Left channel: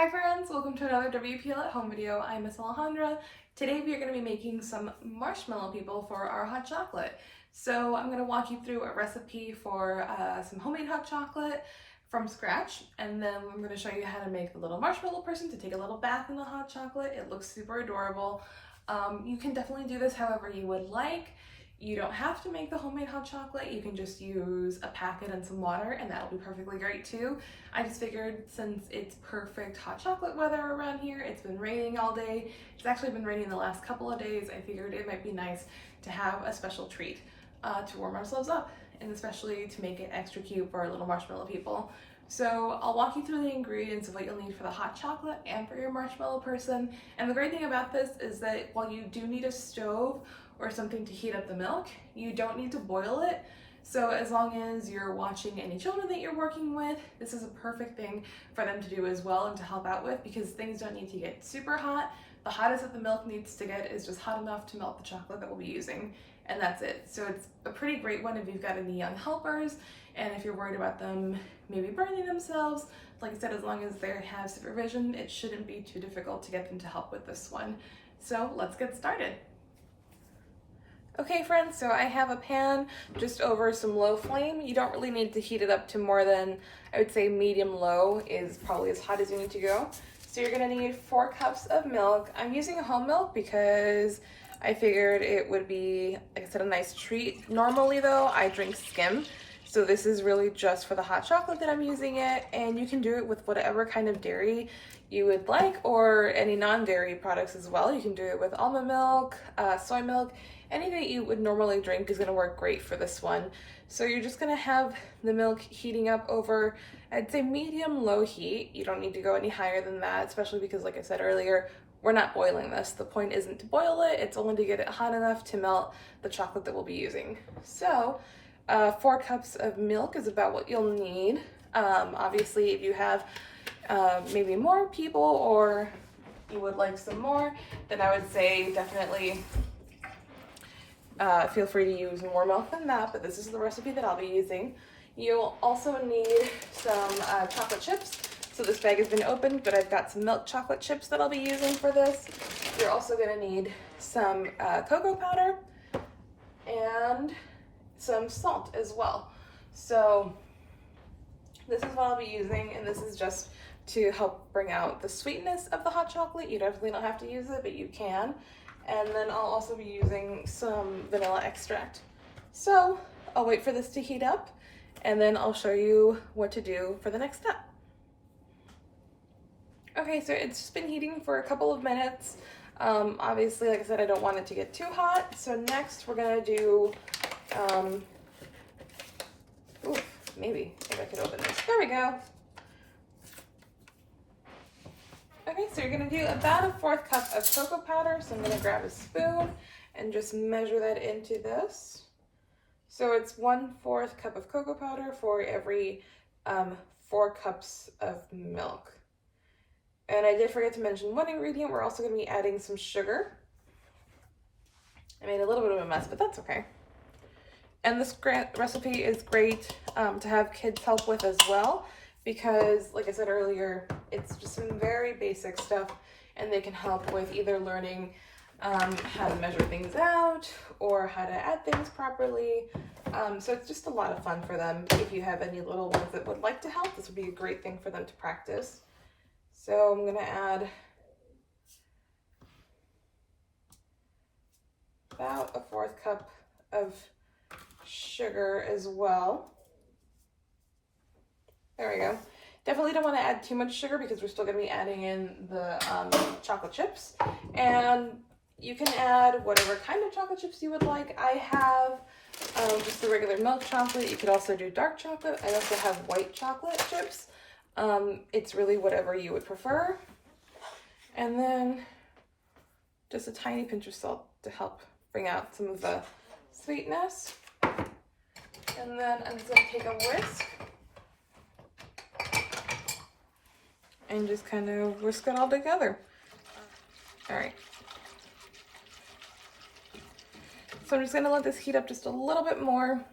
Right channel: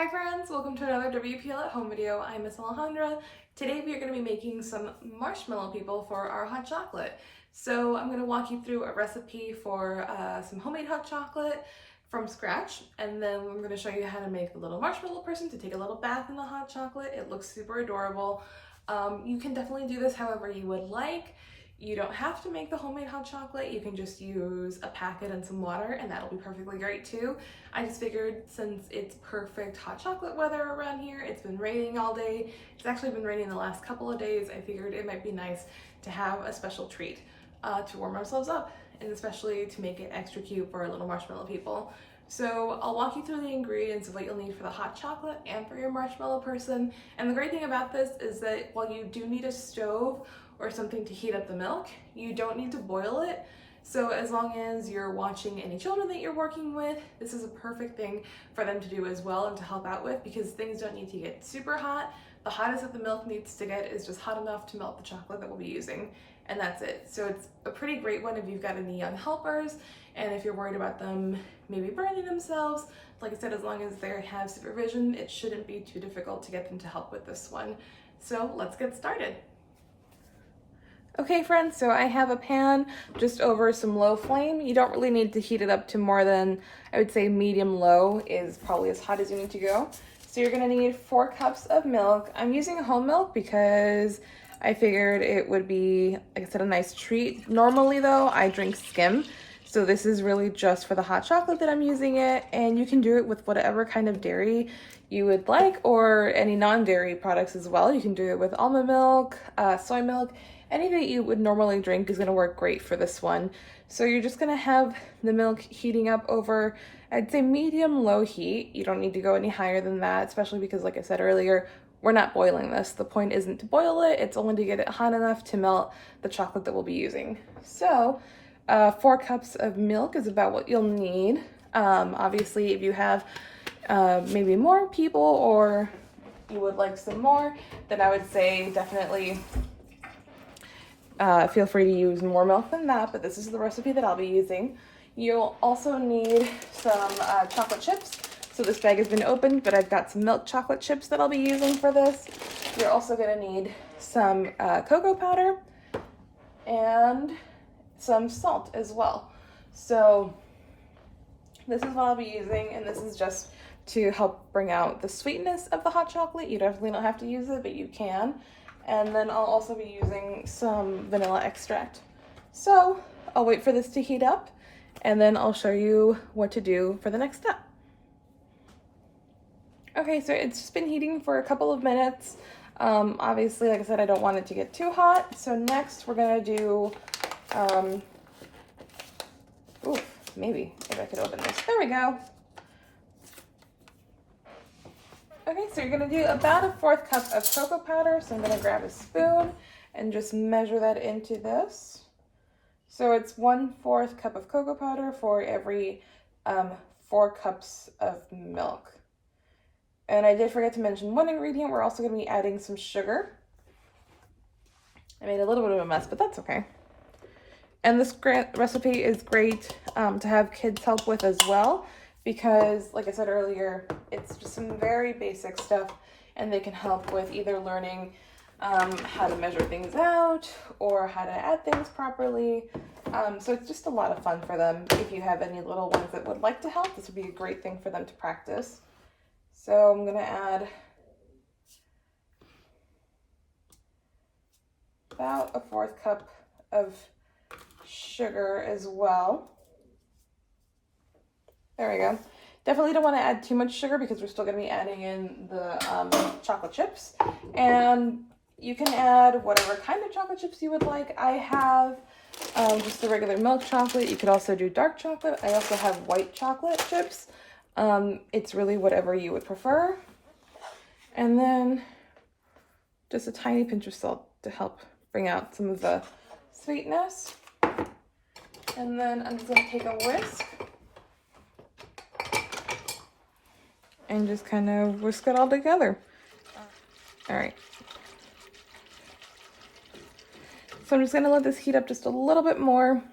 Hi friends, welcome to another WPL at home video. I'm Miss Alejandra. Today we are going to be making some marshmallow people for our hot chocolate. So I'm going to walk you through a recipe for some homemade hot chocolate from scratch, and then I'm going to show you how to make the little marshmallow person to take a little bath in the hot chocolate. It looks super adorable. You can definitely do this however you would like. You don't have to make the homemade hot chocolate. You can just use a packet and some water and that'll be perfectly great too. I just figured since it's perfect hot chocolate weather around here, it's been raining all day. It's actually been raining the last couple of days. I figured it might be nice to have a special treat to warm ourselves up, and especially to make it extra cute for our little marshmallow people. So I'll walk you through the ingredients of what you'll need for the hot chocolate and for your marshmallow person. And the great thing about this is that while you do need a stove or something to heat up the milk, you don't need to boil it. So as long as you're watching any children that you're working with, this is a perfect thing for them to do as well and to help out with, because things don't need to get super hot. The hottest that the milk needs to get is just hot enough to melt the chocolate that we'll be using, and that's it. So it's a pretty great one if you've got any young helpers and if you're worried about them maybe burning themselves. Like I said, as long as they have supervision, it shouldn't be too difficult to get them to help with this one. So let's get started. Okay friends, so I have a pan just over some low flame. You don't really need to heat it up to more than, I would say medium low is probably as hot as you need to go. So you're gonna need 4 cups of milk. I'm using whole milk because I figured it would be, like I said, a nice treat. Normally though, I drink skim. So this is really just for the hot chocolate that I'm using it, and you can do it with whatever kind of dairy you would like, or any non-dairy products as well. You can do it with almond milk, soy milk. Any that you would normally drink is gonna work great for this one. So you're just gonna have the milk heating up over, I'd say medium-low heat. You don't need to go any higher than that, especially because, like I said earlier, we're not boiling this. The point isn't to boil it, it's only to get it hot enough to melt the chocolate that we'll be using. So 4 cups of milk is about what you'll need. Obviously, if you have maybe more people or you would like some more, then I would say definitely feel free to use more milk than that, but this is the recipe that I'll be using. You'll also need some chocolate chips. So this bag has been opened, but I've got some milk chocolate chips that I'll be using for this. You're also gonna need some cocoa powder and some salt as well. So this is what I'll be using, and this is just to help bring out the sweetness of the hot chocolate. You definitely don't have to use it, but you can. And then I'll also be using some vanilla extract. So I'll wait for this to heat up, and then I'll show you what to do for the next step. Okay, so it's just been heating for a couple of minutes. Obviously, like I said, I don't want it to get too hot. So next we're gonna do, maybe I could open this. There we go. Okay, so you're gonna do about a 1/4 cup of cocoa powder. So I'm gonna grab a spoon and just measure that into this. So it's 1/4 cup of cocoa powder for every 4 cups of milk. And I did forget to mention one ingredient. We're also gonna be adding some sugar. I made a little bit of a mess, but that's okay. And this recipe is great to have kids help with as well, because like I said earlier, it's just some very basic stuff, and they can help with either learning how to measure things out or how to add things properly. So it's just a lot of fun for them. If you have any little ones that would like to help, this would be a great thing for them to practice. So I'm gonna add about a 1/4 cup of sugar as well. There we go. Definitely don't want to add too much sugar because we're still going to be adding in the chocolate chips. And you can add whatever kind of chocolate chips you would like. I have just the regular milk chocolate. You could also do dark chocolate. I also have white chocolate chips. It's really whatever you would prefer. And then just a tiny pinch of salt to help bring out some of the sweetness. And then I'm just going to take a whisk and just kind of whisk it all together. All right. So I'm just gonna let this heat up just a little bit more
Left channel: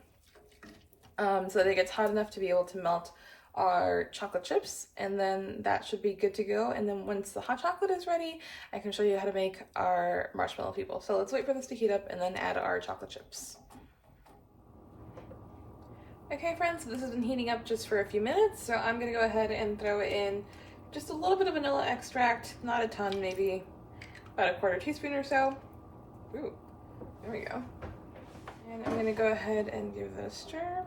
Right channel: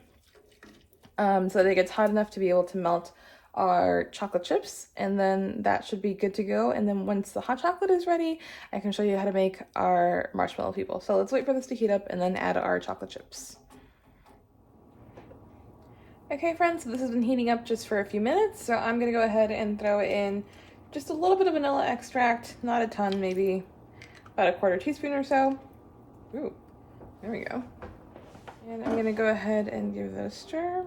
so that it gets hot enough to be able to melt our chocolate chips, and then that should be good to go. And then once the hot chocolate is ready, I can show you how to make our marshmallow people. So let's wait for this to heat up and then add our chocolate chips. Okay friends, so this has been heating up just for a few minutes, so I'm gonna go ahead and throw in just a little bit of vanilla extract, not a ton, maybe about a 1/4 teaspoon or so. Ooh, there we go. And I'm gonna go ahead and give that a stir.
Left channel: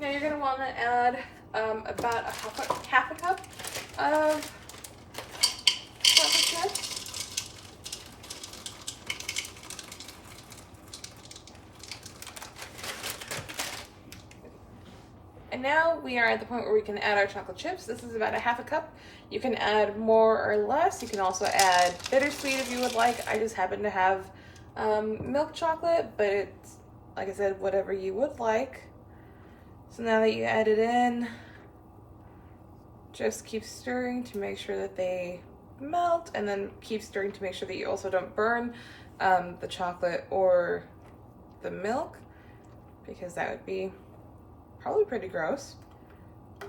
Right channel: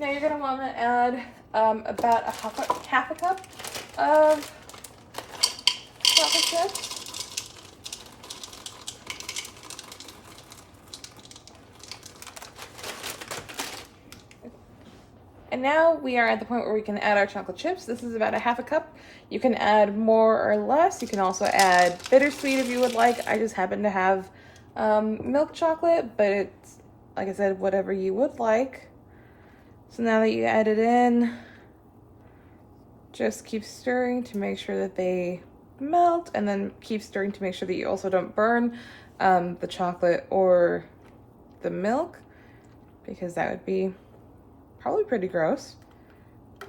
Now you're gonna wanna add about half a cup of chocolate chips. And now we are at the point where we can add our chocolate chips. This is about a half a cup. You can add more or less. You can also add bittersweet if you would like. I just happen to have milk chocolate, but it's, like I said, whatever you would like. So now that you add it in, just keep stirring to make sure that they melt, and then keep stirring to make sure that you also don't burn the chocolate or the milk, because that would be probably pretty gross.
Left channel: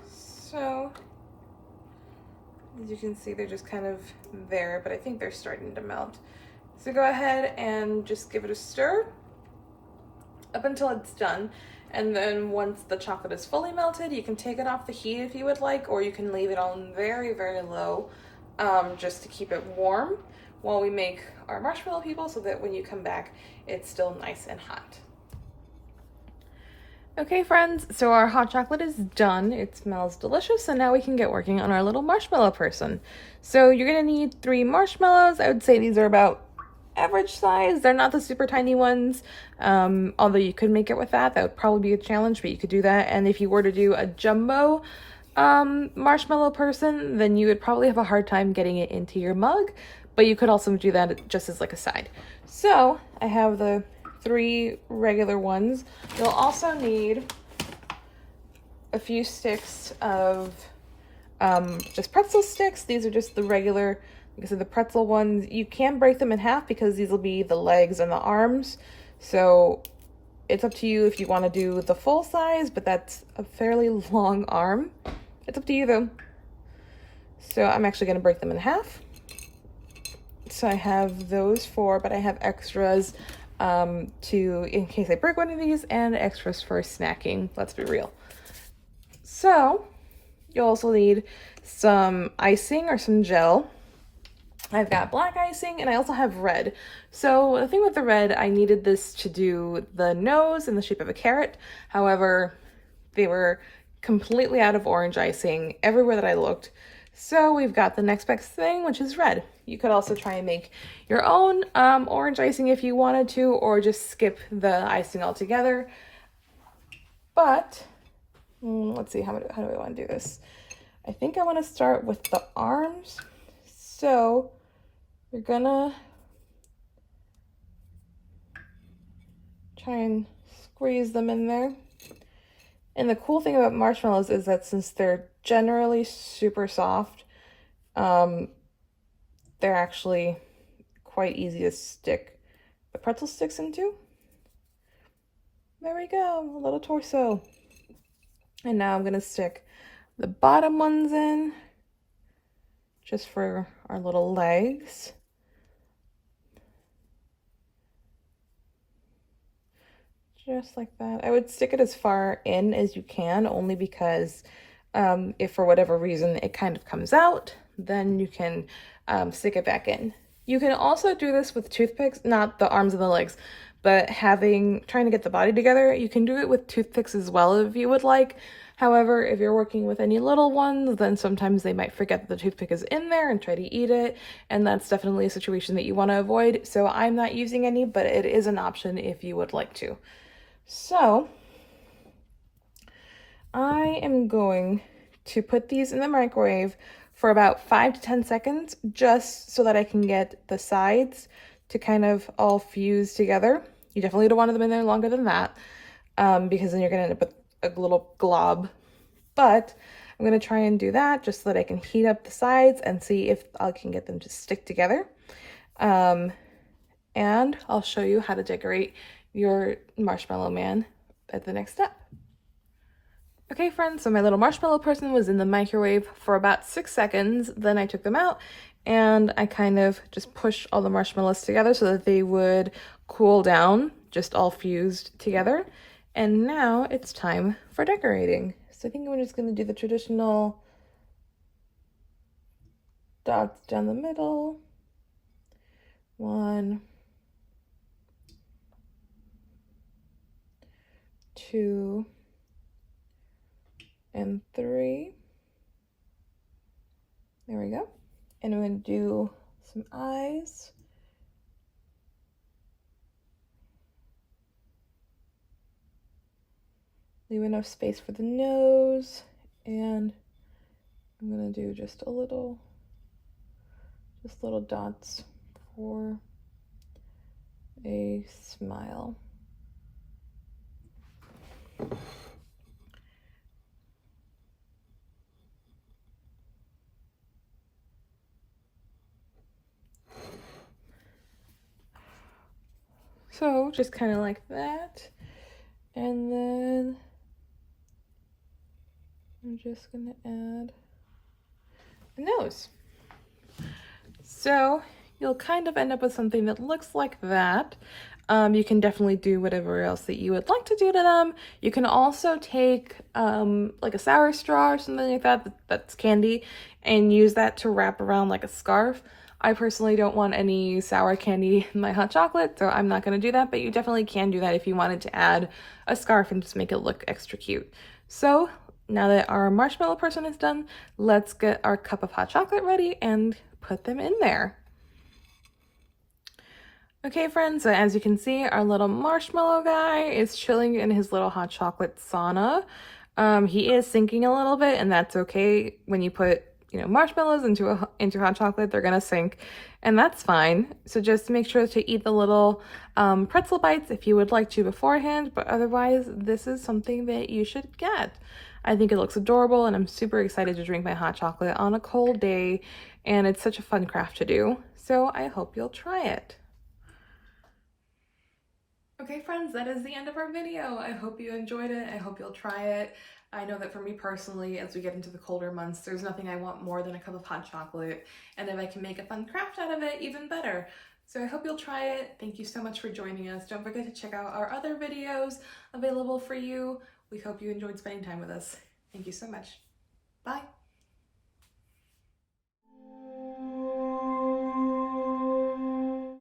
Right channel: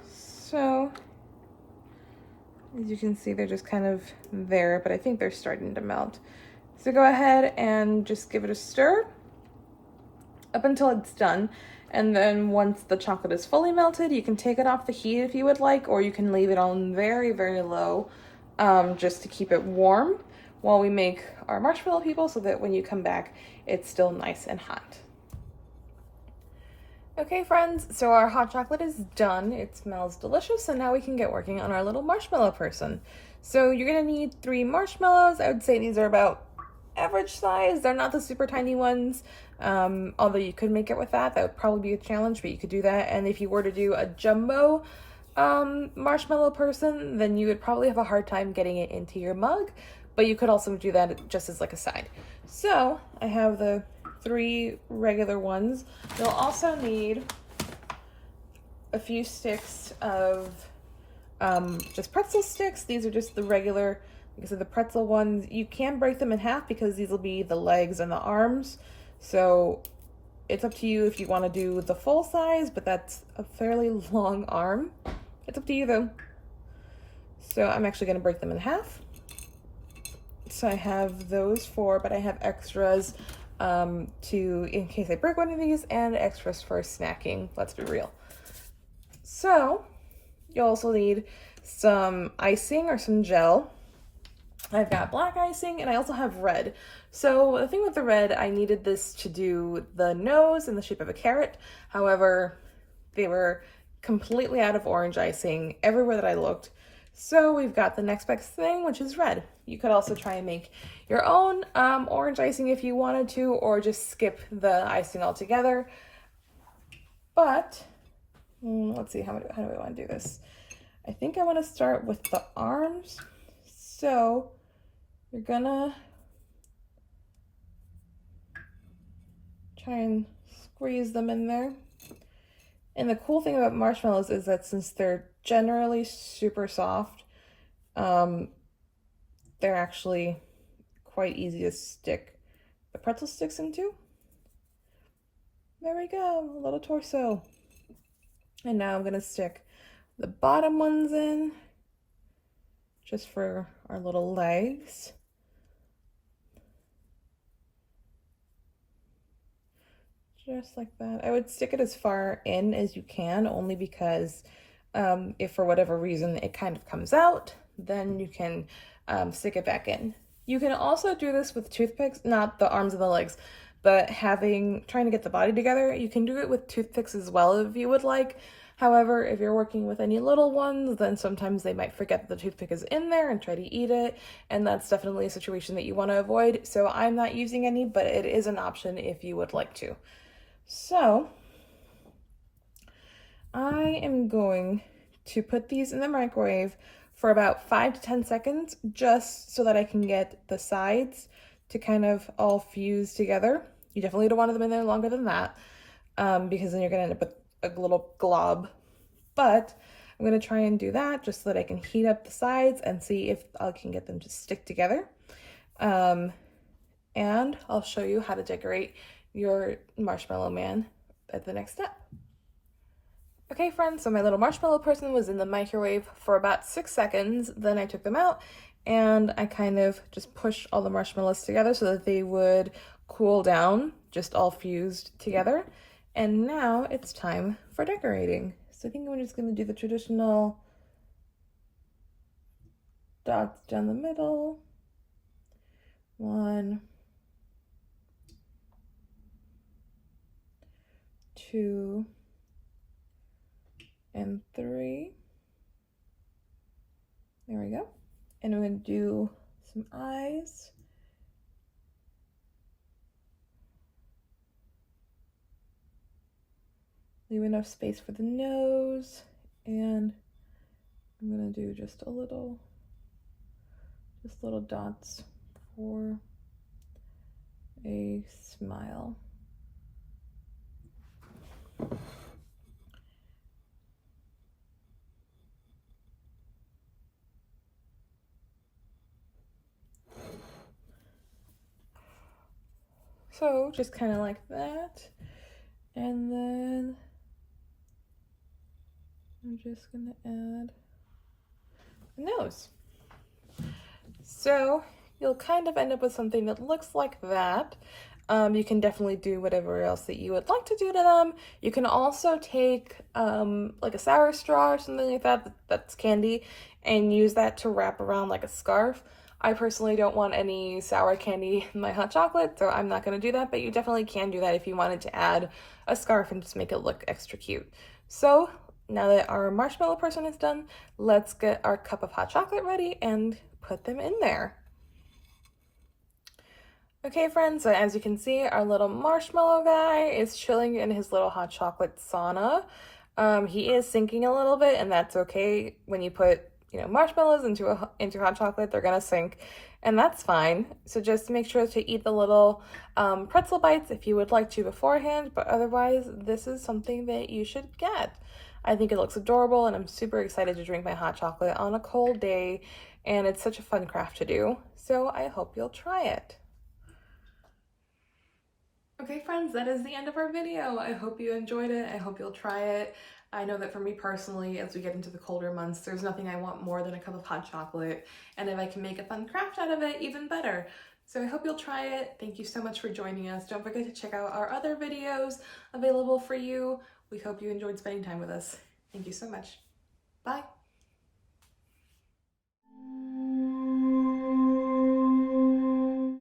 So as you can see, they're just kind of there, but I think they're starting to melt. So go ahead and just give it a stir up until it's done. And then once the chocolate is fully melted, you can take it off the heat if you would like, or you can leave it on very, very low just to keep it warm while we make our marshmallow people, so that when you come back, it's still nice and hot. Okay friends, so our hot chocolate is done. It smells delicious, and now we can get working on our little marshmallow person. So you're gonna need 3 marshmallows. I would say these are about average size. They're not the super tiny ones, although you could make it with that. That would probably be a challenge, but you could do that. And if you were to do a jumbo marshmallow person, then you would probably have a hard time getting it into your mug, but you could also do that just as like a side. So I have the 3 regular ones. You'll also need a few sticks of just pretzel sticks. These are just the regular, like I said, the pretzel ones. You can break them in half because these will be the legs and the arms. So it's up to you if you want to do the full size, but that's a fairly long arm. It's up to you though. So I'm actually going to break them in half. So I have those 4, but I have extras in case I break one of these, and extras for snacking. Let's be real. So you'll also need some icing or some gel. I've got black icing, and I also have red. So the thing with the red, I needed this to do the nose in the shape of a carrot. However, they were completely out of orange icing everywhere that I looked. So we've got the next best thing, which is red. You could also try and make your own orange icing if you wanted to, or just skip the icing altogether. But let's see, how do I want to do this? I think I want to start with the arms. So you're gonna try and squeeze them in there. And the cool thing about marshmallows is that since they're generally super soft, they're actually quite easy to stick the pretzel sticks into. There we go, a little torso. And now I'm gonna stick the bottom ones in, just for our little legs. Just like that. I would stick it as far in as you can, only because if for whatever reason it kind of comes out, then you can stick it back in. You can also do this with toothpicks, not the arms and the legs, but trying to get the body together. You can do it with toothpicks as well if you would like. However, if you're working with any little ones, then sometimes they might forget that the toothpick is in there and try to eat it, and that's definitely a situation that you want to avoid. So I'm not using any, but it is an option if you would like to. So I am going to put these in the microwave for about 5 to 10 seconds, just so that I can get the sides to kind of all fuse together. You definitely don't want them in there longer than that, because then you're gonna end up with a little glob. But I'm gonna try and do that just so that I can heat up the sides and see if I can get them to stick together. And I'll show you how to decorate your marshmallow man at the next step. Okay friends, so my little marshmallow person was in the microwave for about 6 seconds, then I took them out and I kind of just pushed all the marshmallows together so that they would cool down, just all fused together. And now it's time for decorating. So I think we're just going to do the traditional dots down the middle. 1, 2, and 3. There we go. And I'm going to do some eyes. Leave enough space for the nose, and I'm going to do just little dots for a smile. So just kind of like that, and then I'm just gonna add a nose. So you'll kind of end up with something that looks like that. You can definitely do whatever else that you would like to do to them. You can also take like a sour straw or something like that, that's candy, and use that to wrap around like a scarf. I personally don't want any sour candy in my hot chocolate, so I'm not going to do that, but you definitely can do that if you wanted to add a scarf and just make it look extra cute. So now that our marshmallow person is done, let's get our cup of hot chocolate ready and put them in there. Okay friends, so as you can see, our little marshmallow guy is chilling in his little hot chocolate sauna. He is sinking a little bit, and that's okay. When you put marshmallows into hot chocolate, they're gonna sink, and that's fine. So just make sure to eat the little pretzel bites if you would like to beforehand, but otherwise this is something that you should get. I think it looks adorable, and I'm super excited to drink my hot chocolate on a cold day, and it's such a fun craft to do. So I hope you'll try it. Okay friends, that is the end of our video. I hope you enjoyed it. I hope you'll try it. I know that for me personally, as we get into the colder months, there's nothing I want more than a cup of hot chocolate. And if I can make a fun craft out of it, even better. So I hope you'll try it. Thank you so much for joining us. Don't forget to check out our other videos available for you. We hope you enjoyed spending time with us. Thank you so much.